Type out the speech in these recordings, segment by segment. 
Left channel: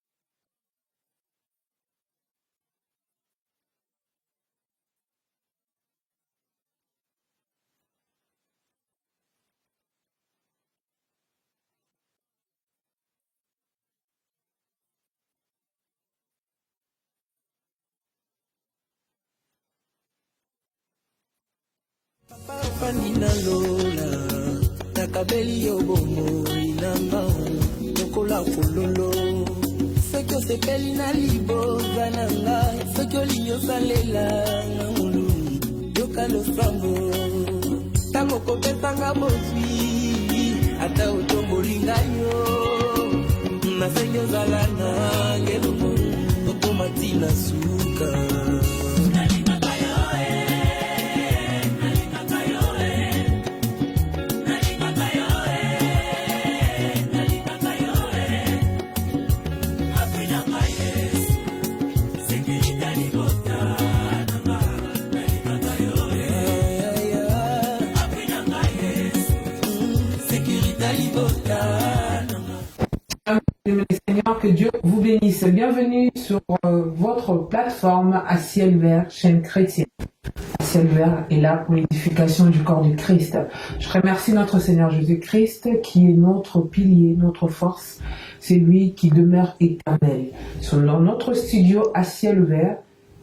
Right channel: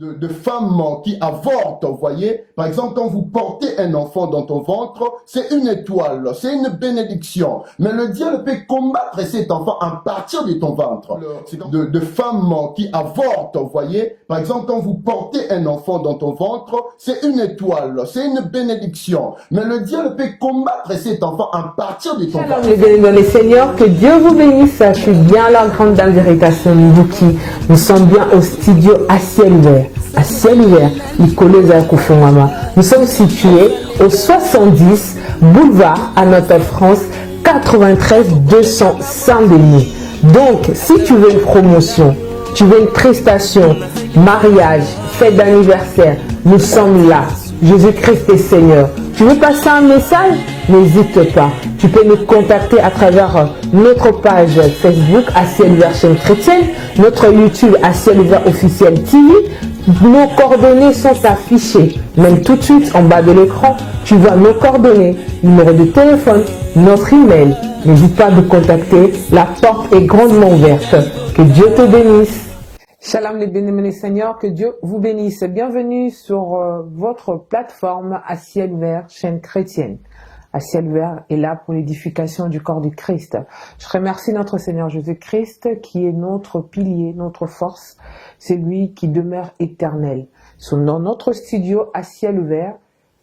de femmes qui avortent, vous voyez. Par exemple, quand vous portez un enfant dans ton ventre, c'est une étoile, c'est une bénédiction. Mais le diable peut combattre cet enfant à partir de ton ventre. De femmes qui avortent, vous voyez. Par exemple, quand vous portez un enfant dans ton ventre, c'est une étoile, c'est une bénédiction. Mais le diable peut combattre cet enfant à partir de ton ventre. Les Seigneur, que Dieu vous bénisse. Je suis bien la grande dame d'Érication Mbouki. Nous sommes bien au studio à ciel ouvert. À ciel ouvert, nous sommes situés au 70 boulevard Anatole France 93 200 Saint-Denis. Donc, si tu veux une promotion, tu veux une prestation, mariage, fête d'anniversaire, nous sommes là. Jésus-Christ est Seigneur. Tu veux passer un message? N'hésite pas. Tu peux nous contacter à travers notre page Facebook à ciel ouvert chaîne chrétienne, notre YouTube à ciel ouvert officiel TV. Nos coordonnées sont affichées. Même tout de suite en bas de l'écran, tu vois nos coordonnées, numéro de téléphone, notre email. N'hésite pas à nous contacter. La porte est grandement ouverte. Que Dieu te bénisse. Shalom les bénémoines Seigneur, que Dieu vous bénisse. Bienvenue sur votre plateforme à ciel ouvert, chaîne chrétienne. À ciel ouvert est là pour l'édification du corps du Christ. Je remercie notre Seigneur Jésus-Christ qui est notre pilier, notre force. C'est lui qui demeure éternel. Dans notre studio à ciel ouvert,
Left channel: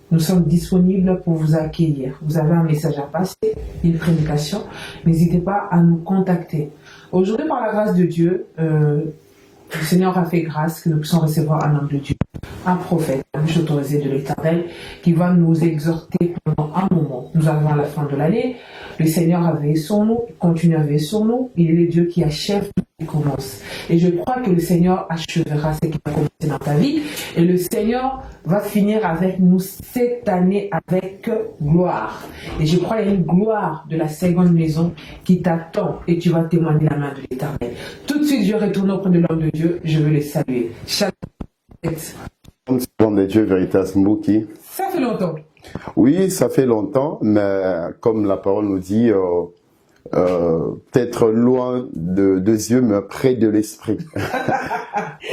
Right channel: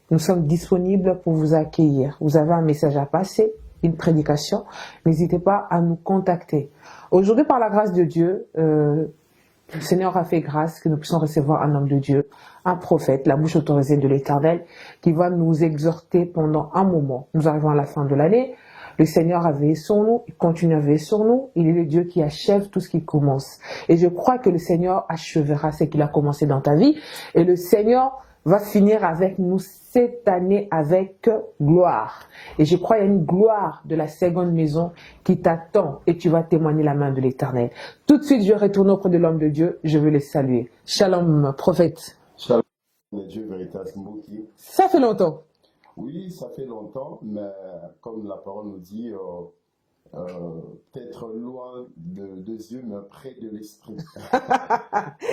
nous sommes disponibles pour vous accueillir. Vous avez un message à passer, une prédication, n'hésitez pas à nous contacter. Aujourd'hui, par la grâce de Dieu, le Seigneur a fait grâce que nous puissions recevoir un homme de Dieu, un prophète, la bouche autorisée de l'Éternel, qui va nous exhorter pendant un moment. Nous arrivons à la fin de l'année. Le Seigneur a veillé sur nous, il continue à veiller sur nous. Il est le Dieu qui achève tout ce qu'il commence. Et je crois que le Seigneur achèvera ce qu'il a commencé dans ta vie. Et le Seigneur va finir avec nous cette année avec gloire. Et je crois qu'il y a une gloire de la seconde maison qui t'attend et tu vas témoigner la main de l'Éternel. Tout de suite, je retourne auprès de l'homme de Dieu. Je veux le saluer. Shalom, prophète. Shalom, homme de Dieu, Veritas Mbouki. Ça fait longtemps. Oui, ça fait longtemps, mais comme la parole nous dit, peut-être loin de yeux, mais près de l'esprit.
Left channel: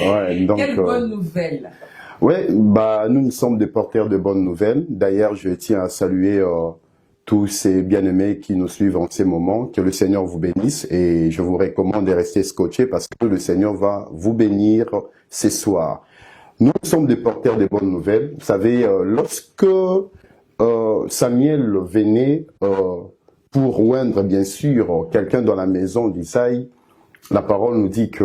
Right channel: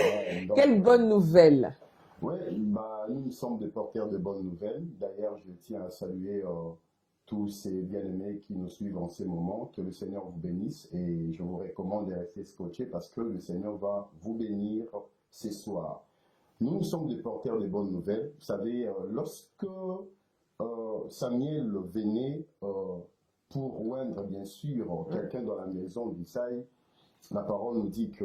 Ouais, donc, quelle bonne nouvelle. Oui, nous sommes des porteurs de bonnes nouvelles. D'ailleurs, je tiens à saluer tous ces bien-aimés qui nous suivent en ces moments. Que le Seigneur vous bénisse et je vous recommande de rester scotchés parce que le Seigneur va vous bénir ce soir. Nous sommes des porteurs de bonnes nouvelles. Vous savez, lorsque Samuel venait pour oindre, bien sûr, quelqu'un dans la maison d'Isaïe, la parole nous dit que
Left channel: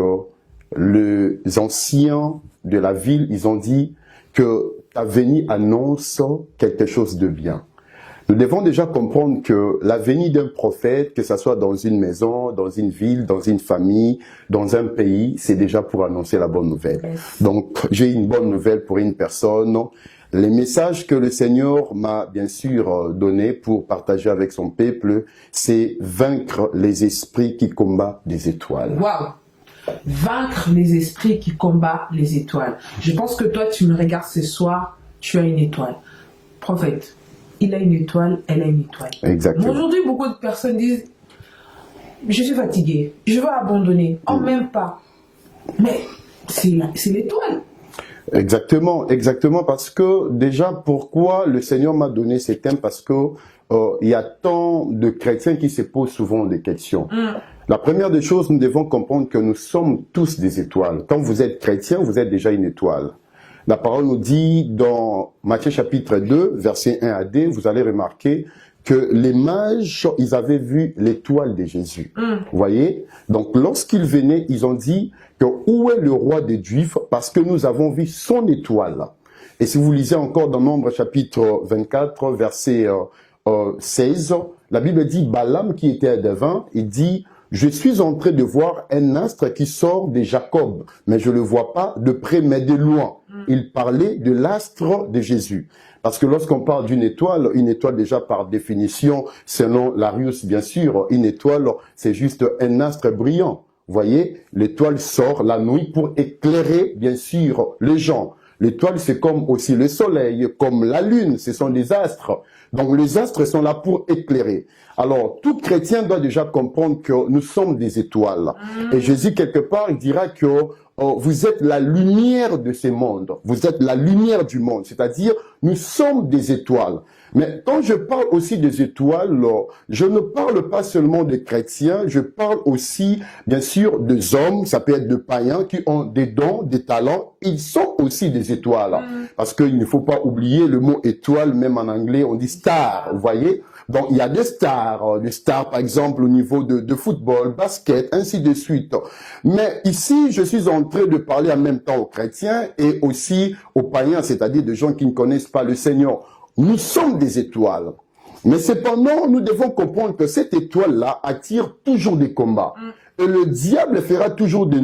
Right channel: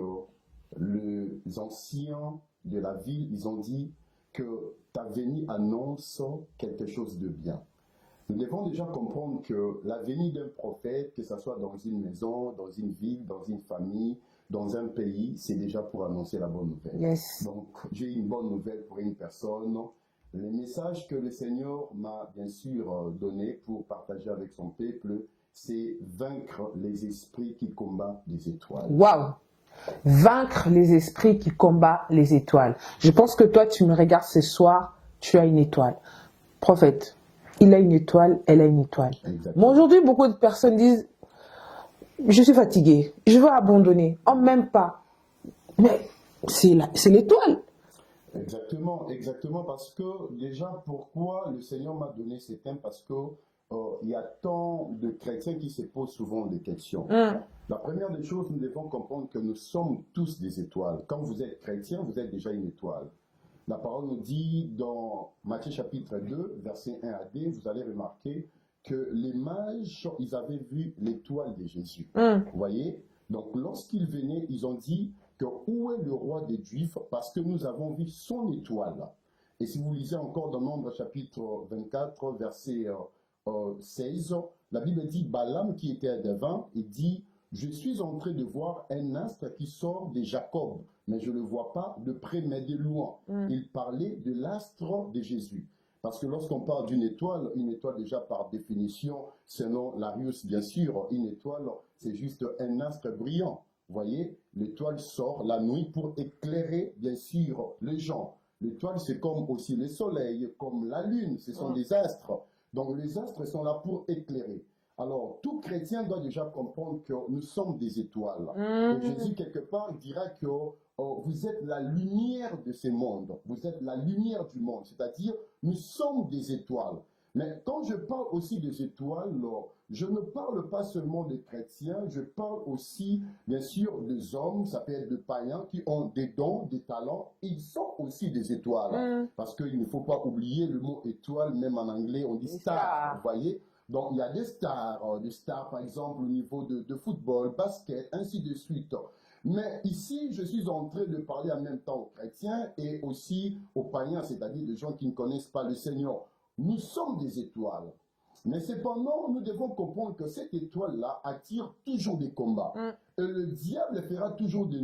les anciens de la ville, ils ont dit que ta venue annonce quelque chose de bien. Nous devons déjà comprendre que la venue d'un prophète, que ce soit dans une maison, dans une ville, dans une famille, dans un pays, c'est déjà pour annoncer la bonne nouvelle. Yes. Donc, j'ai une bonne nouvelle pour une personne. Les messages que le Seigneur m'a bien sûr donné pour partager avec son peuple, c'est vaincre les esprits qui combattent les étoiles. Waouh! Vaincre les esprits qui combattent les étoiles. Je pense que toi, tu me regardes ce soir, tu as une étoile. Prophète, il a une étoile, elle a une étoile. Exactement. Aujourd'hui, beaucoup de personnes disent, je suis fatigué, je veux abandonner. Oh, même pas. Mais c'est l'étoile. Exactement, exactement, parce que déjà, pourquoi le Seigneur m'a donné ces thèmes? Parce que il y a tant de chrétiens qui se posent souvent des questions. La première des choses, nous devons comprendre que nous sommes tous des étoiles. Quand vous êtes chrétien, vous êtes déjà une étoile. La parole nous dit dans Matthieu chapitre 2, versets 1 à 2, vous allez remarquer que les mages, ils avaient vu l'étoile de Jésus. Vous voyez? Donc, lorsqu'ils venaient, ils ont dit que où est le roi des Juifs? Parce que nous avons vu son étoile. Et si vous lisez encore dans Nombre chapitre 24, verset 16, la Bible dit, Balaam qui était devant, il dit, je suis en train de voir un astre qui sort de Jacob, mais je ne le vois pas de près, mais de loin. Il parlait de l'astre de Jésus. Parce que lorsqu'on parle d'une étoile déjà par définition, selon Larius bien sûr, une étoile c'est juste un astre brillant. Vous voyez, l'étoile sort la nuit pour éclairer bien sûr les gens. L'étoile c'est comme aussi le soleil, comme la lune, ce sont des astres. Donc les astres sont là pour éclairer. Alors, tout chrétien doit déjà comprendre que nous sommes des étoiles. Et Jésus, quelque part, il dira que vous êtes la lumière de ces mondes. Vous êtes la lumière du monde. C'est-à-dire, nous sommes des étoiles. Mais quand je parle aussi des étoiles, je ne parle pas seulement des chrétiens, je parle aussi, bien sûr, des hommes, ça peut être des païens qui ont des dons, des talents. Ils sont aussi des étoiles. Parce qu'il ne faut pas oublier le mot étoile, même en anglais, on dit star, vous voyez. Donc, il y a des stars par exemple au niveau de football, basket, ainsi de suite. Mais ici, je suis en train de parler en même temps aux chrétiens et aussi aux païens, c'est-à-dire des gens qui ne connaissent pas le Seigneur. Nous sommes des étoiles. Mais cependant, nous devons comprendre que cette étoile-là attire toujours des combats. Et le diable fera toujours de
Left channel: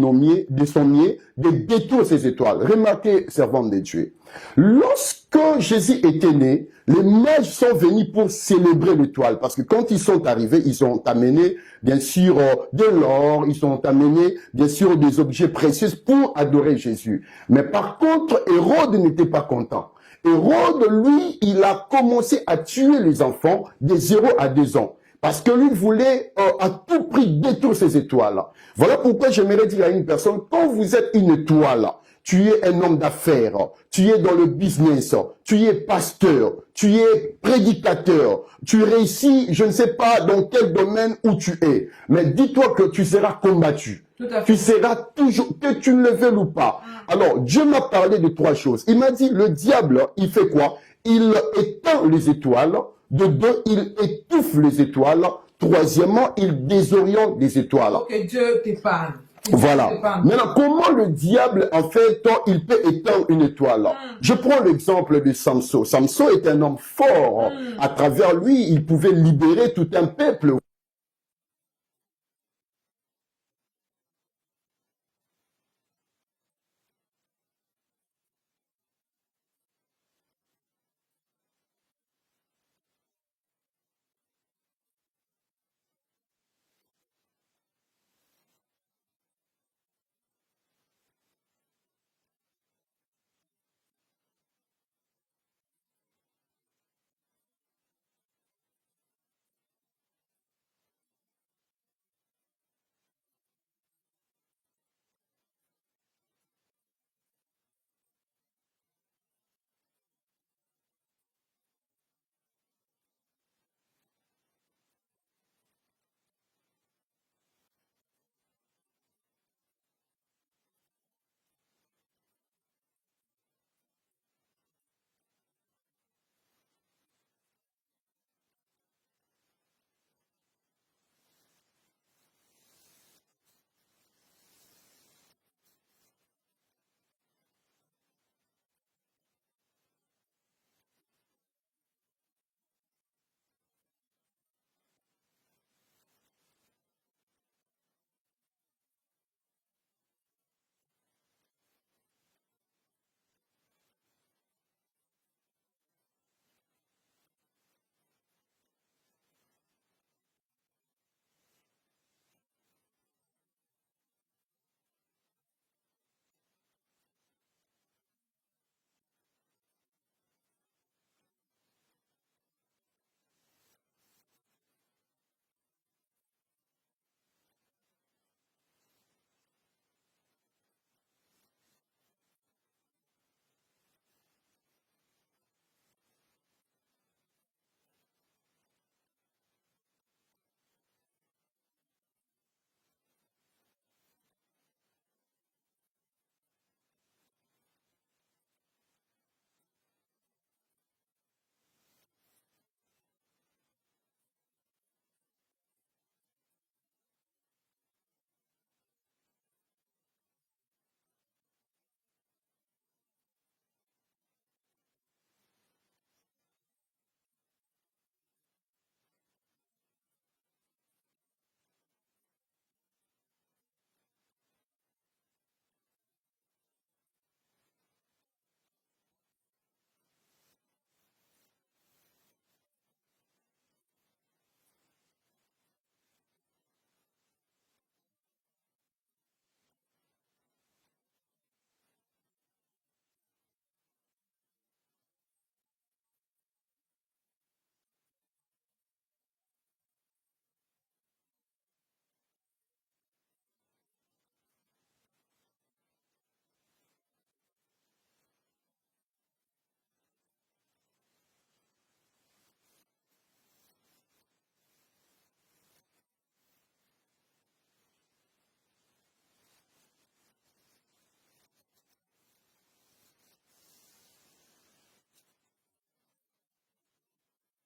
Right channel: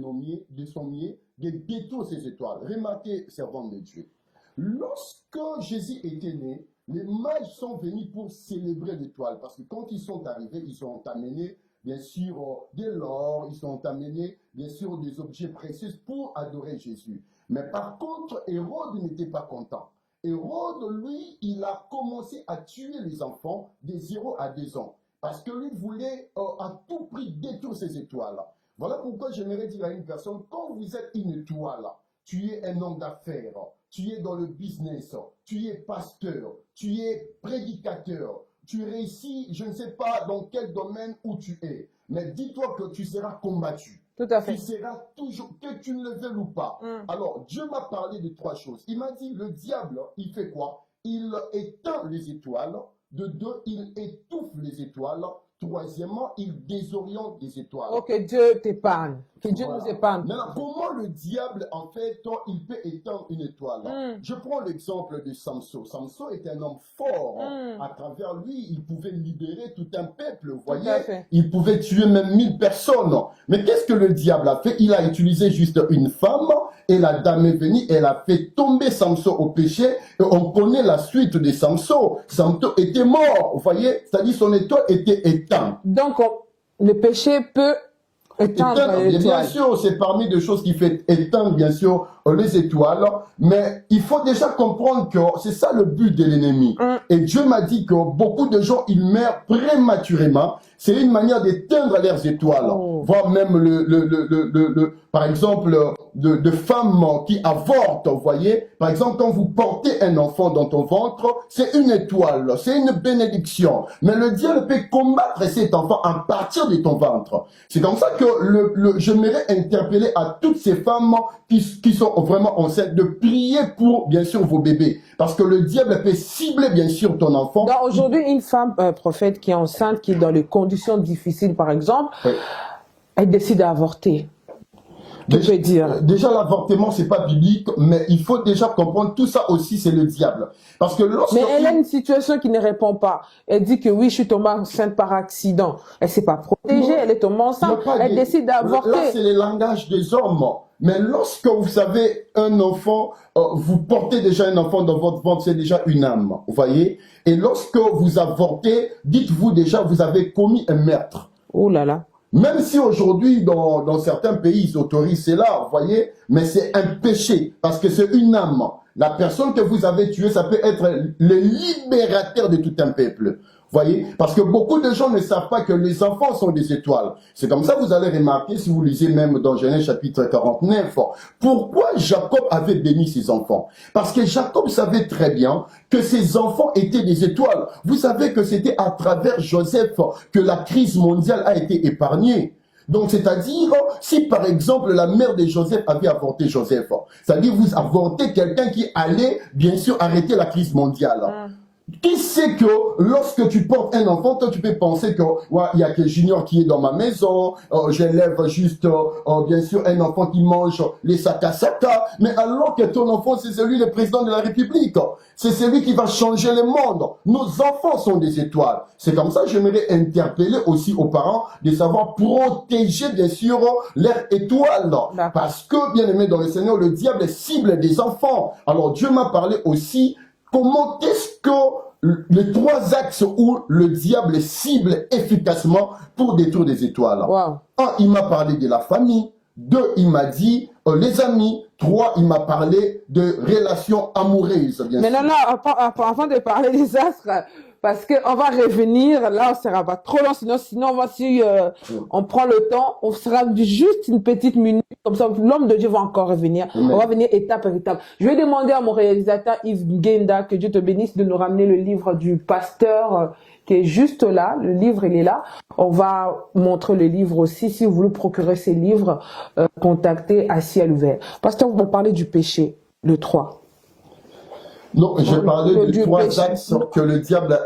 son mieux de détruire ces étoiles. Remarquez, servants de Dieu. Lorsque Jésus était né, les mages sont venus pour célébrer l'étoile. Parce que quand ils sont arrivés, ils ont amené, bien sûr, de l'or, ils ont amené, bien sûr, des objets précieux pour adorer Jésus. Mais par contre, Hérode n'était pas content. Hérode, lui, il a commencé à tuer les enfants de 0 à 2 ans. Parce que lui voulait à tout prix détruire ces étoiles. Voilà pourquoi j'aimerais dire à une personne, quand vous êtes une étoile, tu es un homme d'affaires, tu es dans le business, tu es pasteur, tu es prédicateur, tu réussis, je ne sais pas dans quel domaine où tu es, mais dis-toi que tu seras combattu. Tu seras toujours, que tu ne le veuilles ou pas. Alors, Dieu m'a parlé de 3 choses. Il m'a dit, le diable, il fait quoi? Il éteint les étoiles. De 2, il étouffe les étoiles. 3e, il désoriente les étoiles. Que Dieu t'épargne. Voilà. Maintenant, comment le diable, en fait, il peut éteindre une étoile? Je prends l'exemple de Samson. Samson est un homme fort. À travers lui, il pouvait libérer tout un peuple, vous voyez. Il pouvait tuer même 1000 personnes. Mais qu'est-ce que le diable a fait? Il a utilisé juste une femme et la dame est venue, elle a fait tomber Samson au péché et on connaît la suite de Samson. Samson était mort, vous voyez. C'est-à-dire son étoile était éteinte. Donc, le péché peut éteindre l'étoile. Bien sûr, c'est parmi des choses qui fait éteindre, bien sûr, les étoiles. Mais il faut déjà comprendre que c'est ça le but de l'ennemi. Et Dieu m'a dit que beaucoup de gens, ils meurent prématurément. C'est une manière d'éteindre leurs étoiles. Voire même par exemple, de femmes qui avortent, vous voyez. Par exemple, quand vous portez un enfant dans ton ventre, c'est une étoile, c'est une bénédiction. Mais le diable peut combattre cet enfant à partir de ton ventre. C'est comme ça que j'aimerais interpeller à toutes ces femmes qui sont vraiment enceintes de prier pour, bien sûr, vos bébés. Parce que le diable peut cibler, bien sûr, ton enfant. Aujourd'hui, une femme prophète qui est enceinte, qui est dans les conditions difficiles, par exemple, elle décide d'avorter. Déjà, l'avortement, c'est pas biblique, mais il faut déjà comprendre tout ça aussi, c'est le diable. Parce que mais elle a une situation qui ne répond pas. Elle dit que oui, je suis tombée enceinte par accident. Elle ne s'est pas protégée, elle est tombée enceinte, elle décide d'avorter. Là, c'est le langage des hommes. Mais lorsque vous savez un enfant, vous portez déjà un enfant dans votre ventre, c'est déjà une âme, vous voyez. Et lorsque vous avortez, dites-vous déjà, vous avez commis un meurtre. Oh là là. Même si aujourd'hui, dans certains pays, ils autorisent cela, vous voyez, mais c'est un péché, parce que c'est une âme. La personne que vous avez tuée, ça peut être le libérateur de tout un peuple. Voyez, parce que beaucoup de gens ne savent pas que les enfants sont des étoiles. C'est comme ça que vous allez remarquer, si vous lisez même dans Genèse chapitre 49, pourquoi Jacob avait béni ses enfants. Parce que Jacob savait très bien que ses enfants étaient des étoiles. Vous savez que c'était à travers Joseph que la crise mondiale a été épargnée. Donc, c'est-à-dire, si par exemple la mère de Joseph avait avorté Joseph, c'est-à-dire vous avortez quelqu'un qui allait bien sûr arrêter la crise mondiale. Qui sait que lorsque tu portes un enfant, toi tu peux penser que il y a que Junior qui est dans ma maison, j'élève juste bien sûr un enfant qui mange les saka, mais alors que ton enfant c'est celui du président de la République, c'est celui qui va changer le monde. Nos enfants sont des étoiles. C'est comme ça que j'aimerais interpeller aussi aux parents de savoir protéger bien sûr leurs étoiles. Parce que bien aimé dans le Seigneur, le diable cible des enfants. Alors Dieu m'a parlé aussi. Comment est-ce que les 3 axes où le diable cible efficacement pour détruire des étoiles? 1, il m'a parlé de la famille. 2, il m'a dit les amis. 3, il m'a parlé de relations amoureuses. Mais non, avant de parler des astres, parce qu'on va revenir, là, on ne sera pas trop long, sinon si on prend le temps, on sera juste une petite minute, comme ça, l'homme de Dieu va encore revenir. On va venir étape par étape. Je vais demander à mon réalisateur Yves Ngenda, que Dieu te bénisse, de nous ramener le livre du pasteur qui est juste là. Le livre, il est là. On va montrer le livre aussi. Si vous voulez procurer ces livres, contactez à ciel ouvert. Pasteur, vous parlez du péché, le 3. Non, je parlais de 3 axes que le diable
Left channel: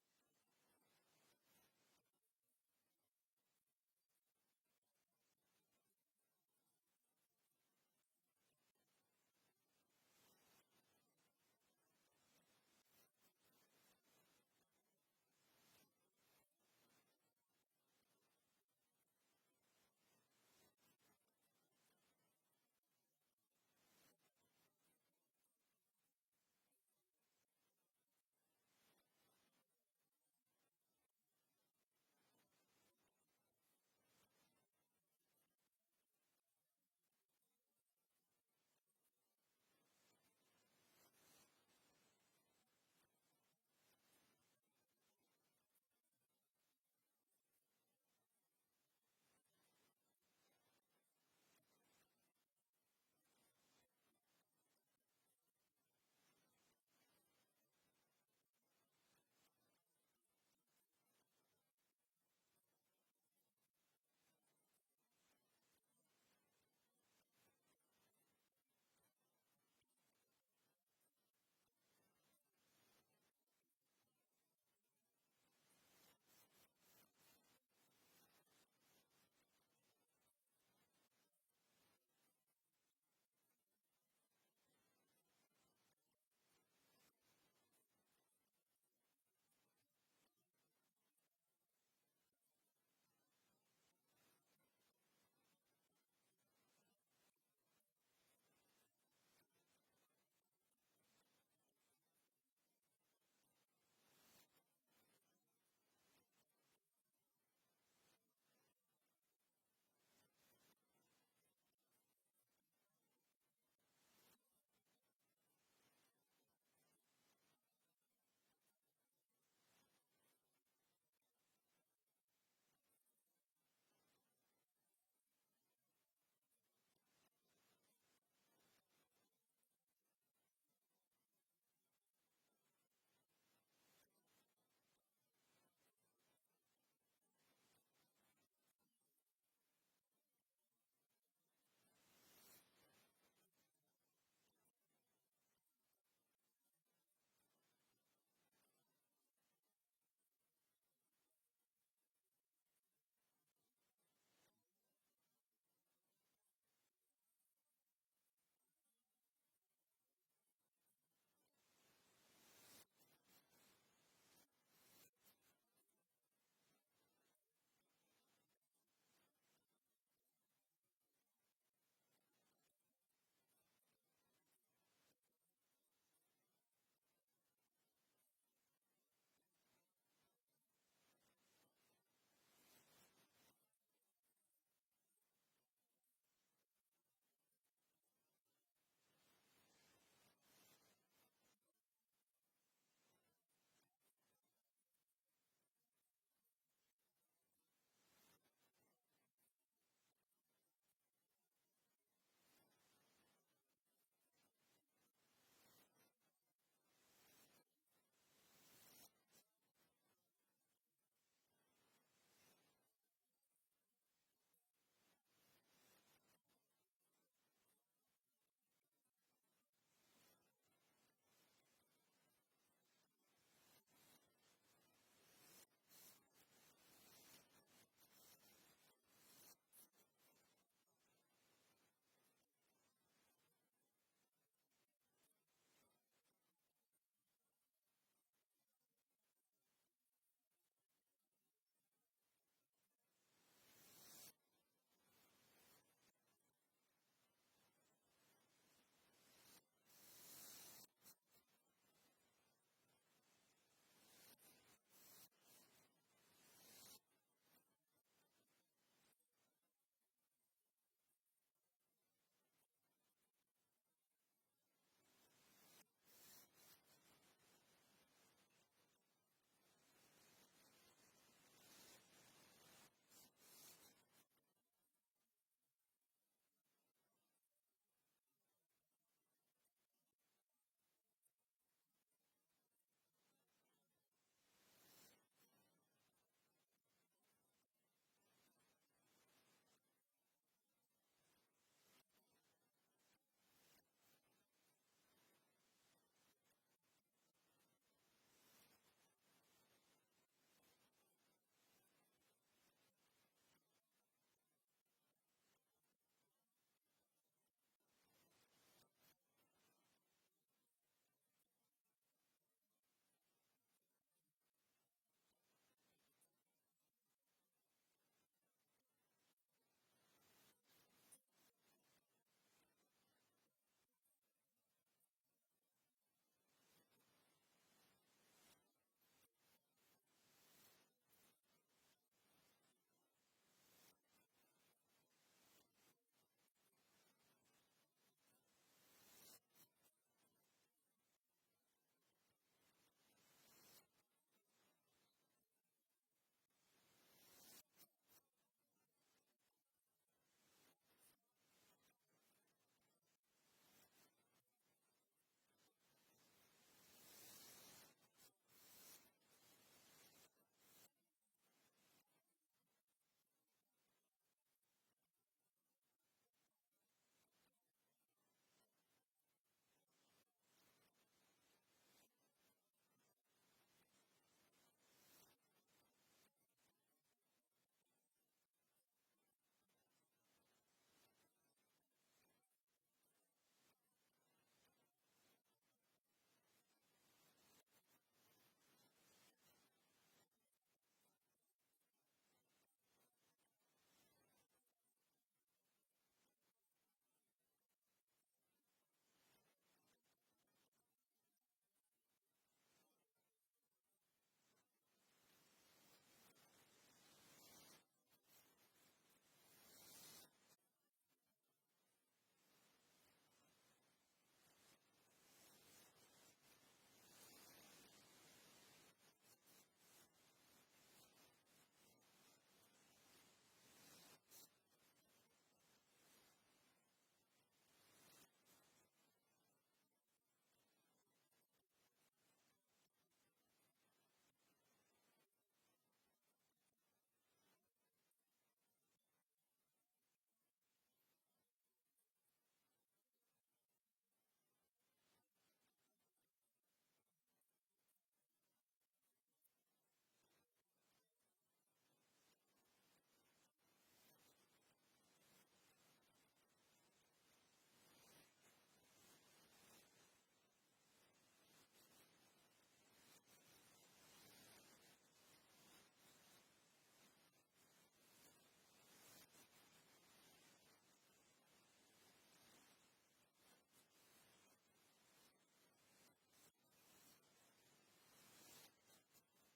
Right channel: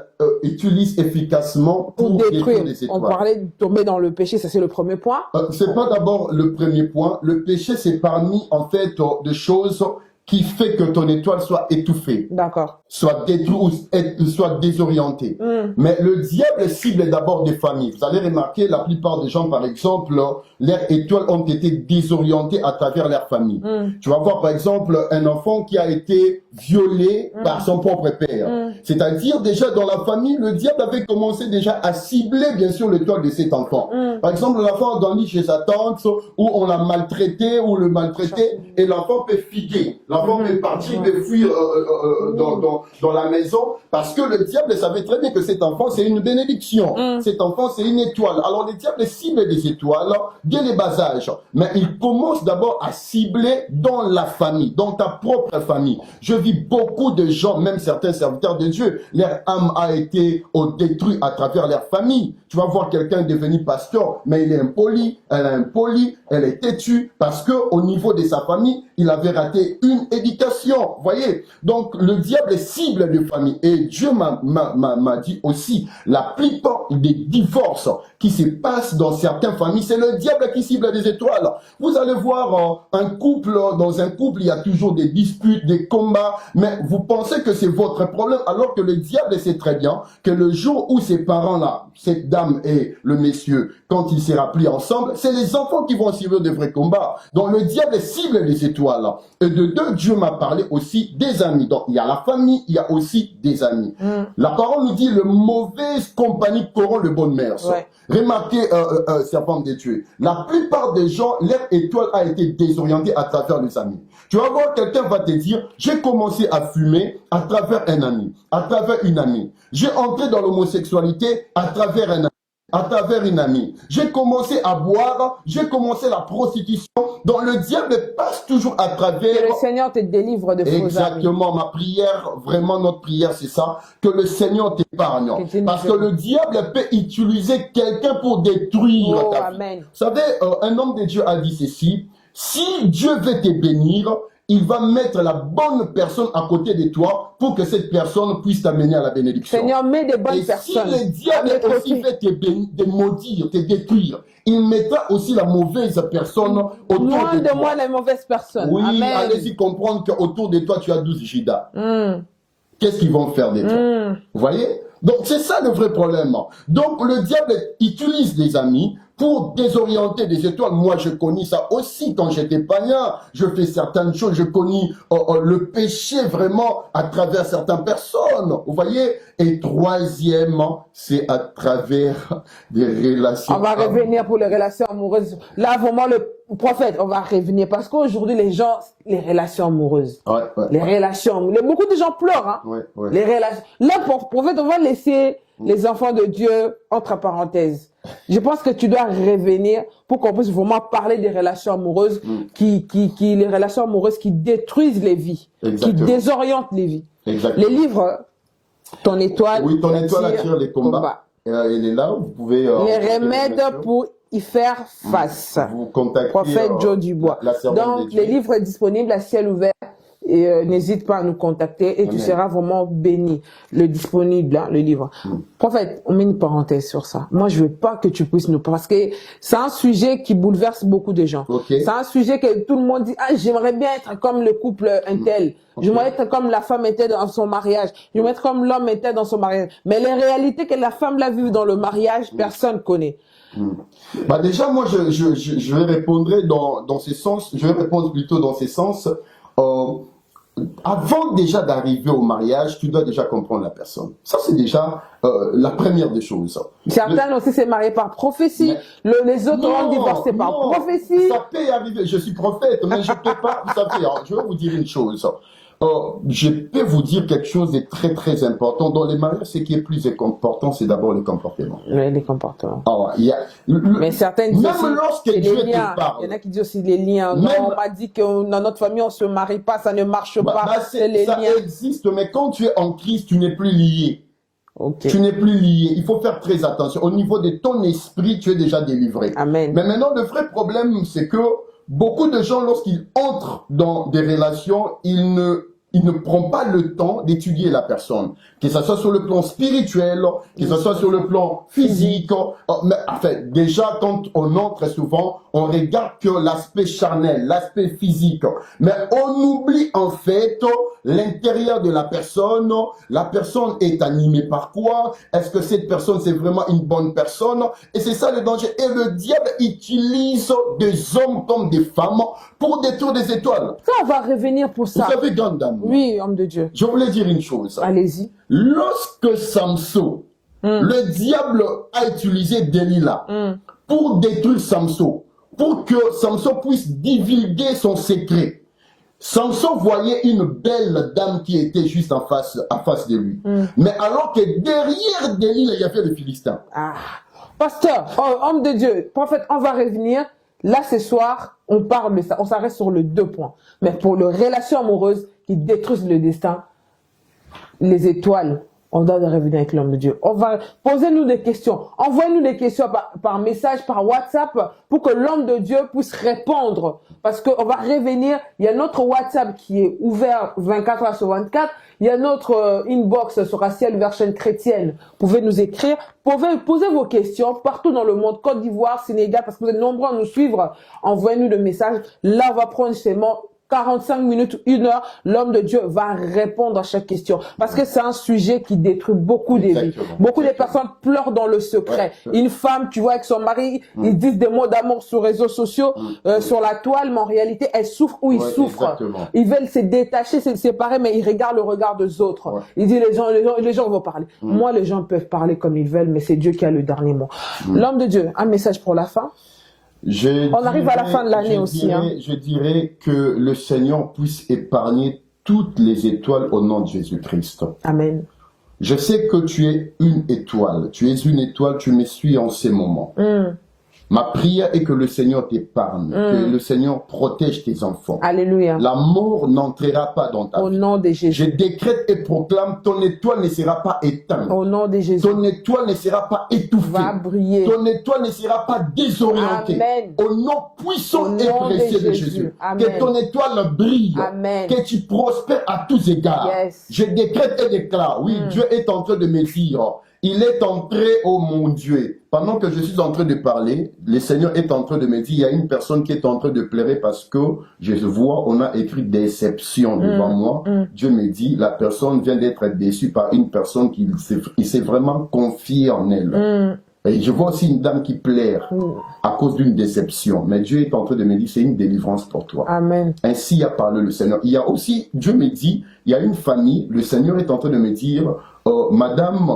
utilise efficacement pour détruire les étoiles. On parlait de tomber dans le péché, ça c'est le premier point. C'est pas d'abord le premier point. Le péché, c'est parmi, en fait, des choses qui fait que ton étoile soit étouffée. D'accord. Soit détruite ou soit désorientée. Mais le diable cible d'abord des familles. Vous allez remarquer, la plupart des gens, par exemple, leurs étoiles ont été désorientées à travers leur famille. Tu vas voir, par exemple, un enfant qui a été violé par son propre père. C'est-à-dire, déjà, dans la famille, le diable avait commencé déjà à cibler, bien sûr, l'étoile de cet enfant. Par exemple, l'enfant a grandi chez sa tante, où on l'a maltraité, ou le maltraité, et l'enfant peut fuguer. L'enfant peut partir, peut fuir dans la maison, parce que le diable savait très bien que cet enfant, c'est une bénédiction. Cet enfant, c'est une étoile. Alors, le diable cible des étoiles dès les bas âges. Mais il commence d'abord à cibler dans la famille, dans ta propre famille. Je vis beaucoup de gens, même certains serviteurs de Dieu, leur âme a été détruite à travers leur famille. Tu vas voir quelqu'un devenir pasteur, mais il est impoli, elle est impolie, elle est têtue, parce que au niveau de sa famille, il avait raté une éducation. Voyez? Donc, le diable cible de famille. Et Dieu m'a dit aussi, la plupart des divorces qui se passent dans certaines familles, c'est le diable qui cible des étoiles. Vous allez voir un couple, dans un couple, il y a toujours des disputes, des combats, mais vous pensez que c'est votre problème, alors que le diable sait très bien que le jour où ces parents-là, cette dame et le monsieur, quand ils se rapplient ensemble, c'est les enfants qui vont suivre de vrais combats. Donc le diable cible les étoiles. Et de deux, Dieu m'a parlé aussi des amis. Donc il y a la famille, il y a aussi des amis. La parole nous dit, le mauvaise compagnie corrompt le bon mœurs. Ouais. Remarquez, serpent de Dieu, la plupart des gens, leur étoile a été désorientée à travers les amis. Tu vas voir, quelqu'un va te dire, j'ai commencé à fumer à travers un ami, à travers une amie. J'ai entré dans l'homosexualité à travers un ami, à travers une amie. J'ai commencé à boire, j'ai commencé la prostitution. Donc le diable passe toujours à travers... Que le Seigneur te délivre de faux amis. Exactement, ma prière, vraiment notre prière, c'est ça, que le Seigneur t'épargne. Parce que le diable peut utiliser quelqu'un pour détruire ta vie. Amen. Vous savez, un homme de Dieu a dit ceci, si Dieu veut te bénir, il va mettre la bonne personne à côté de toi pour que cette personne puisse t'amener à la bénédiction. Seigneur, mets des bonnes personnes. Et si le diable aussi veut te maudire, te détruire, il mettra aussi la mauvaise personne autour Loin de toi. De moi, les mauvaises personnes. Oui, allez-y comprendre qu'autour de toi, tu as 12 Judas. Qu'est-ce qu'ils vont faire de toi? Vous voyez? Donc, c'est ça le vrai problème. Donc, le diable utilise des amis pour désorienter des étoiles. Moi, je connais ça aussi quand j'étais païen. Je fais certaines choses. Je connais le péché vraiment à travers certaines personnes. Vous voyez? Et troisièmement, c'est à travers des relations. On va revenir pour les relations amoureuses. Là, vraiment, le prophète, on va revenir. Parce qu'aujourd'hui, les gens, les relations amoureuses. Les relations amoureuses. Beaucoup de gens pleurent. Hein? Les relations. Là, prophète, on va laisser les enfants de Dieu entre parenthèses. Je pense que tu dois revenir pour qu'on puisse vraiment parler des relations amoureuses, les relations amoureuses qui détruisent les vies, qui désorientent les vies. Les livres, ton étoile. Oui, ton étoile attire les combats. Elle est là, vous pouvez. Les remèdes pour y faire face. Vous contactez Prophète Joe Dubois. Donc, les livres disponibles à ciel ouvert. Et n'hésite pas à nous contacter et tu seras vraiment béni. Le disponible, hein, le livre. Prophète, on met une parenthèse sur ça. Moi, je veux pas que tu puisses nous... Parce que c'est un sujet qui bouleverse beaucoup de gens. C'est un sujet que tout le monde dit, ah, j'aimerais bien être comme le couple intel. J'aimerais être comme la femme était dans son mariage. J'aimerais être comme l'homme était dans son mariage. Mais les réalités que la femme l'a vue dans le mariage, personne connaît. Bah déjà, moi, je vais répondre dans ce sens. Je vais répondre plutôt dans ce sens. Avant déjà d'arriver au mariage, tu dois déjà comprendre la personne. Ça, c'est déjà la première des choses. Certains aussi s'est marié par prophétie. Les autres ont divorcé par prophétie. Ça peut y arriver. Je suis prophète, mais je ne peux pas. Vous savez, je vais vous dire une chose. je peux vous dire quelque chose de très très important. Dans les mariages, ce qui est plus important, c'est d'abord le comportement. Oui, les comportements. Mais certains disent même aussi, lorsque Dieu te parle. Il y en a qui disent aussi les liens. Non, on m'a dit que dans notre famille, on ne se marie pas, ça ne marche pas. Ça existe, mais quand tu es en Christ, tu n'es plus lié. Okay. Tu n'es plus lié. Il faut faire très attention. Au niveau de ton esprit, tu es déjà délivré. Amen. Mais maintenant, le vrai problème, c'est que beaucoup de gens, lorsqu'ils entrent dans des relations, ils ne prennent pas le temps d'étudier la personne. Que ce soit sur le plan spirituel, que ce soit sur le plan physique. Mais, enfin, déjà, quand on entre souvent, on regarde que l'aspect charnel, l'aspect physique. Mais on oublie en fait l'intérieur de la personne. La personne est animée par quoi? Est-ce que cette personne, c'est vraiment une bonne personne? Et c'est ça le danger. Et le diable utilise des hommes comme des femmes pour détruire des étoiles. Ça, on va revenir pour ça. Vous savez, grande dame. Oui, homme de Dieu. Je voulais dire une chose. Allez-y. Lorsque Samson, le diable a utilisé Delilah pour détruire Samson, pour que Samson puisse divulguer son secret. Samson voyait une belle dame qui était juste en face de lui. Mais alors que derrière Delilah, il y avait le Philistin. Pasteur, homme de Dieu, prophète, on va revenir. Là, ce soir, on parle de ça. On s'arrête sur les 2 points. Mais pour les relations amoureuses qui détruisent le destin, les étoiles, on doit revenir avec l'homme de Dieu. On va poser-nous des questions. Envoyez-nous des questions par message, par WhatsApp, pour que l'homme de Dieu puisse répondre. Parce qu'on va revenir. Il y a notre WhatsApp qui est ouvert 24 heures sur 24. Il y a notre inbox sur Ciel Version Chrétienne. Vous pouvez nous écrire. Vous pouvez poser vos questions partout dans le monde. Côte d'Ivoire, Sénégal, parce que vous êtes nombreux à nous suivre. Envoyez-nous des messages. Là, on va prendre seulement 45 minutes, 1 heure, l'homme de Dieu va répondre à chaque question. Parce que c'est un sujet qui détruit beaucoup de vies. Beaucoup de personnes pleurent dans le secret. Une femme, tu vois, avec son mari, ils disent des mots d'amour sur les réseaux sociaux, sur la toile, mais en réalité, elle souffre ou il souffre. Ils veulent se détacher, se séparer, mais ils regardent le regard des autres. Ils disent, les gens vont parler. Moi, les gens peuvent parler comme ils veulent, mais c'est Dieu qui a le dernier mot. L'homme de Dieu, un message pour la fin. On arrive à la fin de l'année aussi. Je dirais que le Seigneur puisse épargner toutes les étoiles au nom de Jésus-Christ. Amen. Je sais que tu es une étoile. Tu es une étoile, tu me suis en ces moments. Ma prière est que le Seigneur t'épargne, que le Seigneur protège tes enfants. Alléluia. La mort n'entrera pas dans ta vie. Au nom de Jésus. Je décrète et proclame, ton étoile ne sera pas éteinte. Au nom de Jésus. Ton étoile ne sera pas étouffée. Va briller. Ton étoile ne sera pas désorientée. Amen. Au nom puissant et précieux de Jésus. Amen. Que ton étoile brille. Amen. Que tu prospères à tous égards. Yes. Je décrète et déclare, oui, Dieu est en train de me dire, il est entré, oh mon Dieu. Pendant que je suis en train de parler, le Seigneur est en train de me dire, il y a une personne qui est en train de pleurer parce que je vois, on a écrit déception devant moi. Dieu me dit, la personne vient d'être déçue par une personne qui s'est vraiment confiée en elle. Et je vois aussi une dame qui pleure à cause d'une déception. Mais Dieu est en train de me dire, c'est une délivrance pour toi. Amen. Ainsi a parlé le Seigneur. Il y a aussi, Dieu me dit, il y a une famille, le Seigneur est en train de me dire, madame,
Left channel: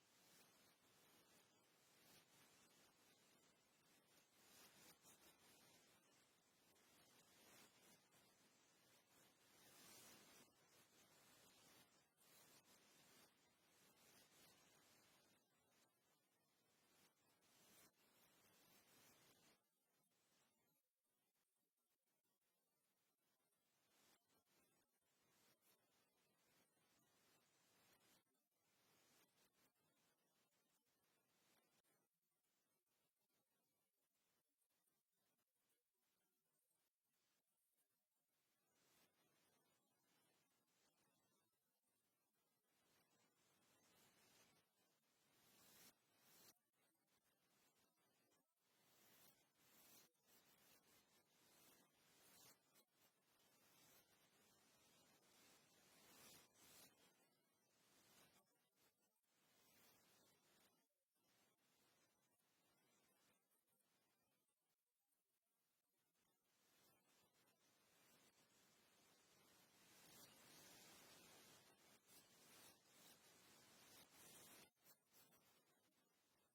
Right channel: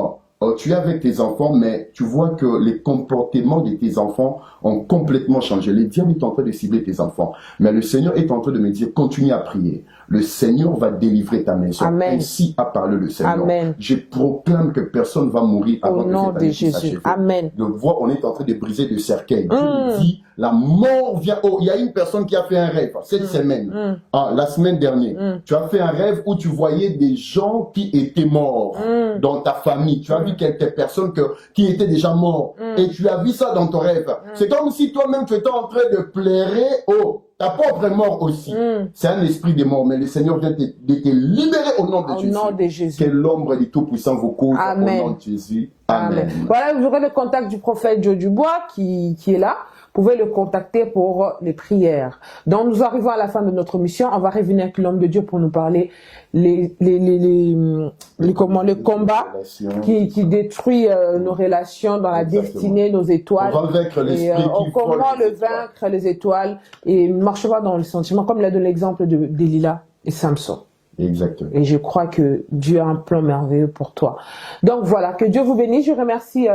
tu es avec tes enfants, mais tu vois que les comportements de tes enfants ont complètement changé. Le diable est en train de cibler tes enfants. Mais le Seigneur est en train de me dire, continue à prier. Le Seigneur va délivrer ta maison. Amen. Ainsi a parlé le Seigneur. Amen. Je proclame que personne ne va mourir avant au nom de Jésus. Amen. Donc, vois, on est en train de briser le cercueil. Dieu me dit, la mort vient. Oh, il y a une personne qui a fait un rêve cette semaine, la semaine dernière. Tu as fait un rêve où tu voyais des gens qui étaient morts dans ta famille. Tu as vu quelques personnes qui étaient déjà morts. Et tu as vu ça dans ton rêve. C'est comme si toi-même tu étais en train de pleurer. Oh, ta propre mort aussi. C'est un esprit de mort, mais le Seigneur vient de te libérer au nom de Jésus. Au nom de Jésus. Que l'ombre du Tout-Puissant vous couvre au nom de Jésus. Amen. Voilà, vous aurez le contact du prophète Joe Dubois qui est là. Vous pouvez le contacter pour les prières. Donc, nous arrivons à la fin de notre mission. On va revenir avec l'homme de Dieu pour nous parler les combats qui détruisent nos relations dans la destinée, nos étoiles. On va vaincre l'esprit comment le vaincre, les étoiles, et ne marche pas dans le sentiment, comme l'a donné l'exemple de Delilah et Samson. Exactement. Et je crois que Dieu a un plan merveilleux pour toi. Donc voilà, que Dieu vous bénisse. Je remercie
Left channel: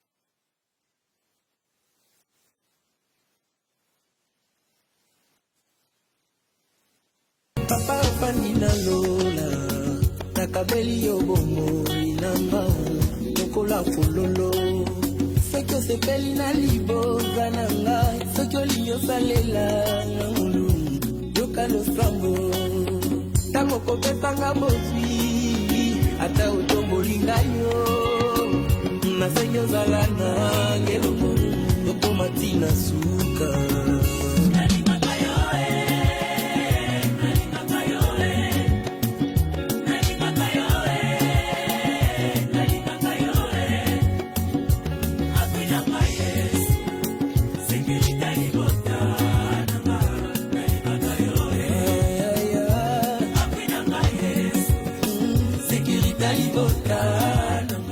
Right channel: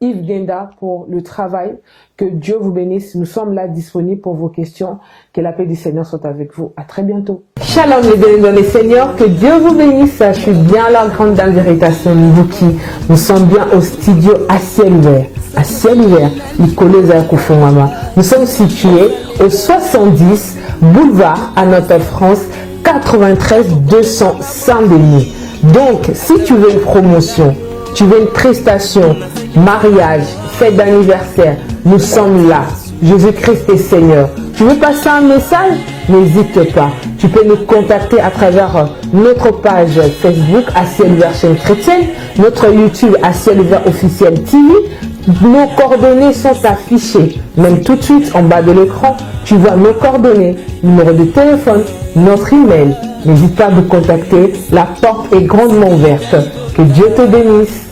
Yves Genda pour le travail. Que Dieu vous bénisse. Nous sommes là disponibles pour vos questions. Que la paix du Seigneur soit avec vous. À très bientôt. Shalom les bénis dans les seigneurs, que Dieu vous bénisse. Je suis bien la grande dame d'Érication Mbuki. Nous sommes bien au studio à ciel ouvert. À ciel ouvert, les collègues à Koufouama. Nous sommes situés au 70 boulevard à Notre-France, 93 200 Saint-Denis. Donc, si tu veux une promotion, tu veux une prestation, mariage, fête d'anniversaire, nous sommes là. Jésus-Christ est Seigneur. Tu veux passer un message? N'hésite pas. Tu peux nous contacter à travers notre page Facebook à ciel ouvert chaîne chrétienne, notre YouTube à ciel ouvert officiel TV. Nos coordonnées sont affichées. Même tout de suite en bas de l'écran, tu vois nos coordonnées, numéro de téléphone, notre email. N'hésite pas à nous contacter. La porte est grandement ouverte. Que Dieu te bénisse.